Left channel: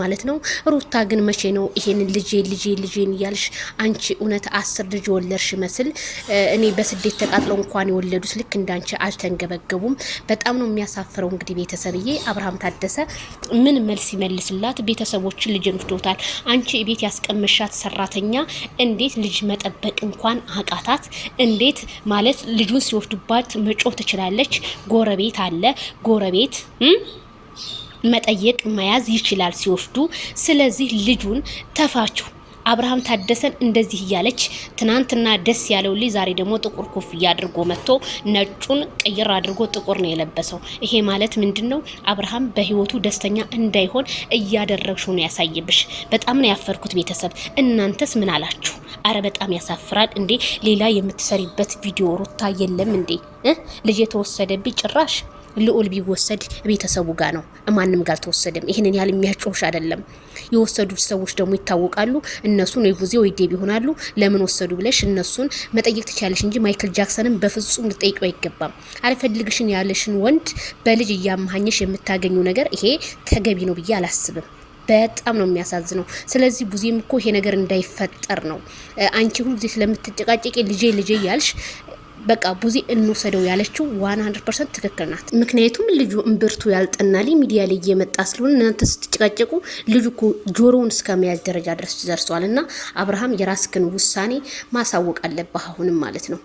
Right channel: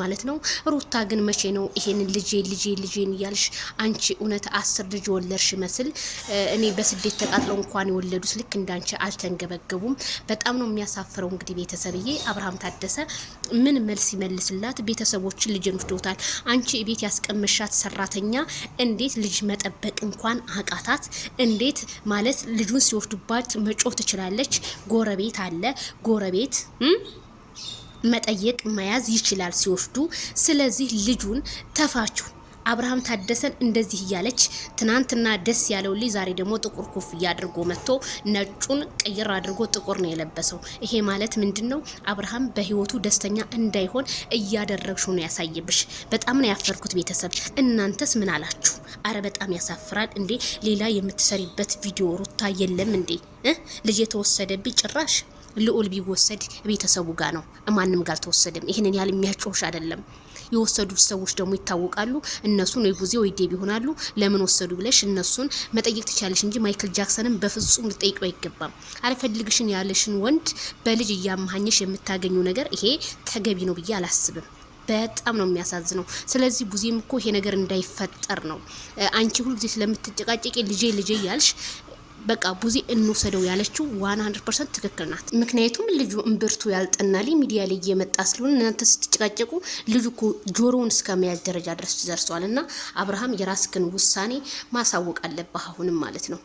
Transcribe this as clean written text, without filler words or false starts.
ማለት ነው። ሩታ ግን መቼ ነው ይሄንን ልጄን እያልሽ አንቺ እውነት 10 ልጅ ወለድሽ መስል እኔ በስደት ተቃጥለው እንኳን የወለዱት ልክ እንዳንቺ አልተንገበገቡም። በጣም ነው የሚያሳፍረው። እንግዲህ ቤተሰብዬ አብርሃም ታደሰ ምን መልስ ይመልስላት? ቤተሰቦችን ልጅን ወስዶታል። አንቺ ቤት ያስቀመሻት ሰራተኛ እንዴት ልጅ መጠበቅ እንኳን አቃታት? እንዴት ማለት ልጁን ሲወስዱባት መጮህ ትችላለች? ጎረቤት አለ ጎረቤት መጠየቅ መያዝ ይችላል ሲወስዱ። ስለዚህ ልጁን ተፋችሁ። አብርሃም ታደሰን እንደዚህ እያለች ትናንትና ደስ ያለው ልጅ ዛሬ ደግሞ ጥቁር ኮፍያ አድርጎ መጥቶ ነጩን ቅይር አድርጎ ጥቁር ነው የለበሰው። ይሄ ማለት ምንድነው? አብርሃም በህይወቱ ደስተኛ እንዳይሆን እያደረግሽው ነው ያሳየብሽ። በጣም ነው ያፈርኩት። ቤተሰብ እናንተስ ምን አላችሁ? አረ በጣም ያሳፍራል እንዴ! ሌላ የምትሰሪበት ቪዲዮ ሩታ የለም እንዴ? ልጅ የተወሰደብኝ ጭራሽ ልዑል ቢወሰድ ቤተሰቡ ጋር ነው፣ ማንም ጋር አልተወሰደም። ይሄንን ያህል የሚያጮሽ አይደለም። የወሰዱት ሰዎች ደግሞ ይታወቃሉ። እነሱን ወይ ቡዜ ወይ ዴብ ይሆናሉ። ለምን ወሰዱ ብለሽ እነሱን መጠየቅ ትችላለሽ እንጂ ማይክል ጃክሰንን በፍጹም ልጠይቀው አይገባም። አልፈልግሽን ያለሽን ወንድ በልጅ እያመሃኘሽ የምታገኙ ነገር ይሄ ተገቢ ነው ብዬ አላስብም። በጣም ነው የሚያሳዝነው። ስለዚህ ቡዜም እኮ ይሄ ነገር እንዳይፈጠር ነው አንቺ ሁሉ ጊዜ ስለምትጨቃጨቂ ልጄ ያልሽ በቃ ቡዜ እንወሰደው ያለችው 100% ትክክል ናት። ምክንያቱም ልጁ እምብርቱ ያልጠናሊ ሚዲያ ላይ እየመጣ ስለሆነ እናንተ ስትጨቃጨቁ ልጁ እኮ ጆሮውን እስከመያዝ ደረጃ ድረስ ደርሷልና አብርሃም የራስህን ውሳኔ ማሳወቅ አለብህ አሁንም ማለት ነው።